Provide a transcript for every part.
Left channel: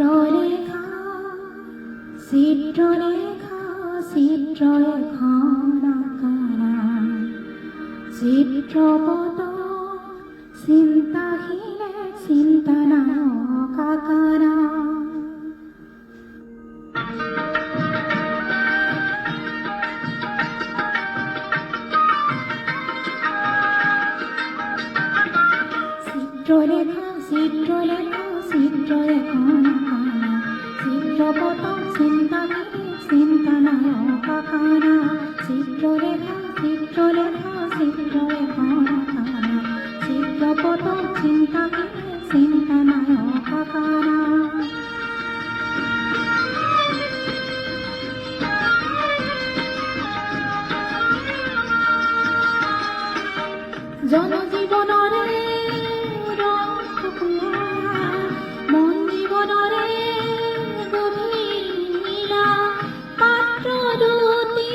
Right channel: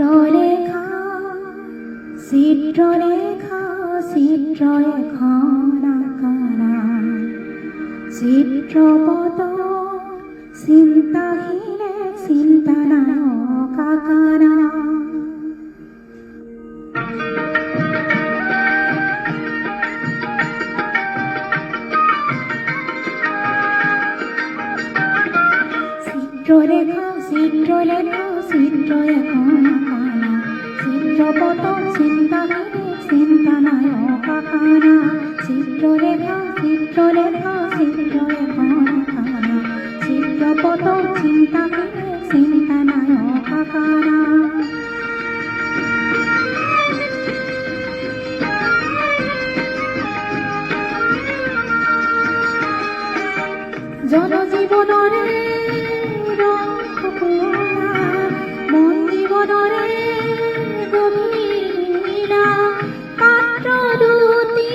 চিত্রলেখা চিত্রলেখা চিত্রলেখন আঁকনা চিত্রপট চিন্তাহীনে চিন্তানায়ক আঁকনা চিত্রলেখা চিত্রলেখা চিত্রলেখন আঁকনা চিত্রপট চিন্তাহীনে চিন্তানায়ক আঁকনা চিত্রলেখা চিত্রলেখা চিত্রলেখন আঁকনা চিত্রপট চিন্তাহীনে চিন্তানায়ক আঁকনা জনজীবনরে মন জীবনরে গভীরা পাত্র দুটি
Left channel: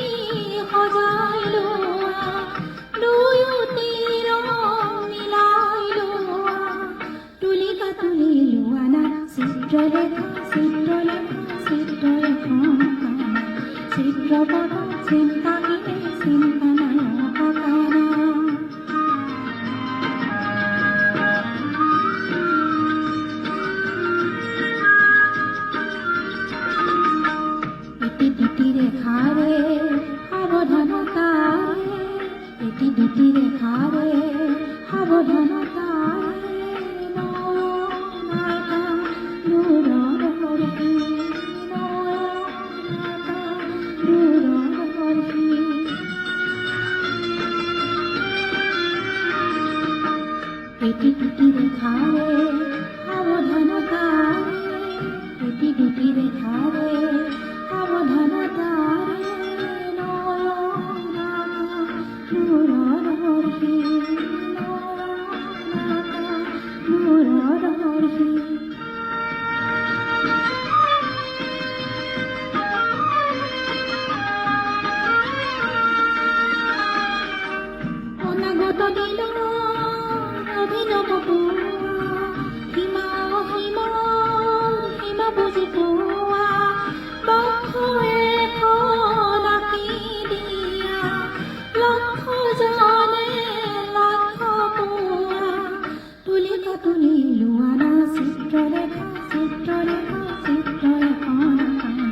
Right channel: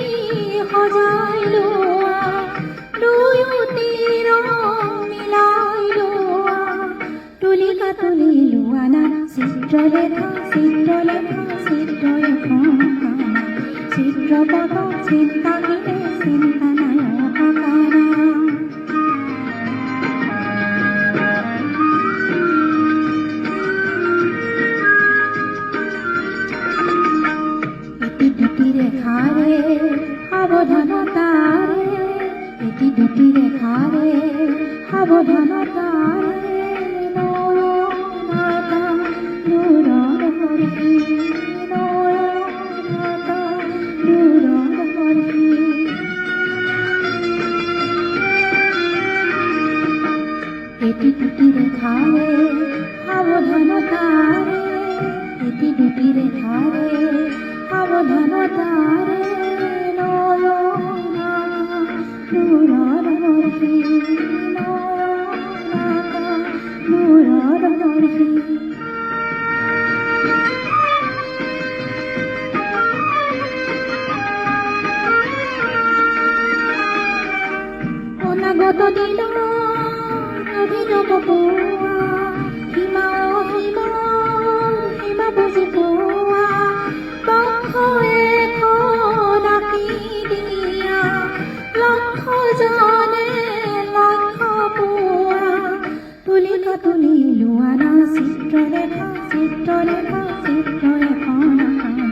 সজাই লোৱা দুয়োটি ৰং মিলাই লোৱা তুলিকা তুলি লোৱা না চিত্ৰলেখা চিত্ৰলেখা চিত্ৰলেখন আঁকনা চিত্ৰপট চিন্তাহীনে চিন্তানায়ক আঁকনা এটি দুটি রেখারে সাবধানতারে এটি দুটি রেখারে সাবধানতারে নয়নাকা নূৰৰ বৰ্ষী নয়নাকা নূৰৰ বৰ্ষী এটি দুটি রেখারে সাবধানতারে এটি দুটি রেখারে সাবধানতারে নয়নাকা নূৰৰ বৰ্ষী নয়নাকা নূৰৰ বৰ্ষী অনাগত দিনৰ অভিনৱ পোৱা সীমা সীমা বুজি পোৱা লক্ষ্য এখন আঁকি দিয়া লক্ষ্যজনে লক্ষ্য পোৱা তুলিকা তুলি লোৱা না চিত্ৰলেখা চিত্ৰলেখা চিত্ৰলেখন আঁকনা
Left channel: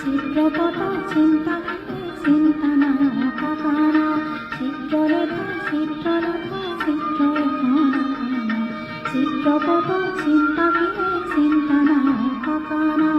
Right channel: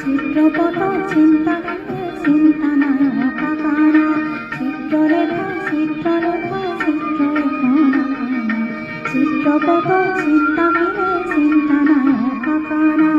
চিত্ৰপট চিন্তাহীনে চিন্তানায়ক আঁকনা চিত্ৰলেখা চিত্ৰলেখা চিত্ৰলেখন আঁকনা চিত্ৰপট চিন্তাহীনে চিন্তানায়ক আঁকনা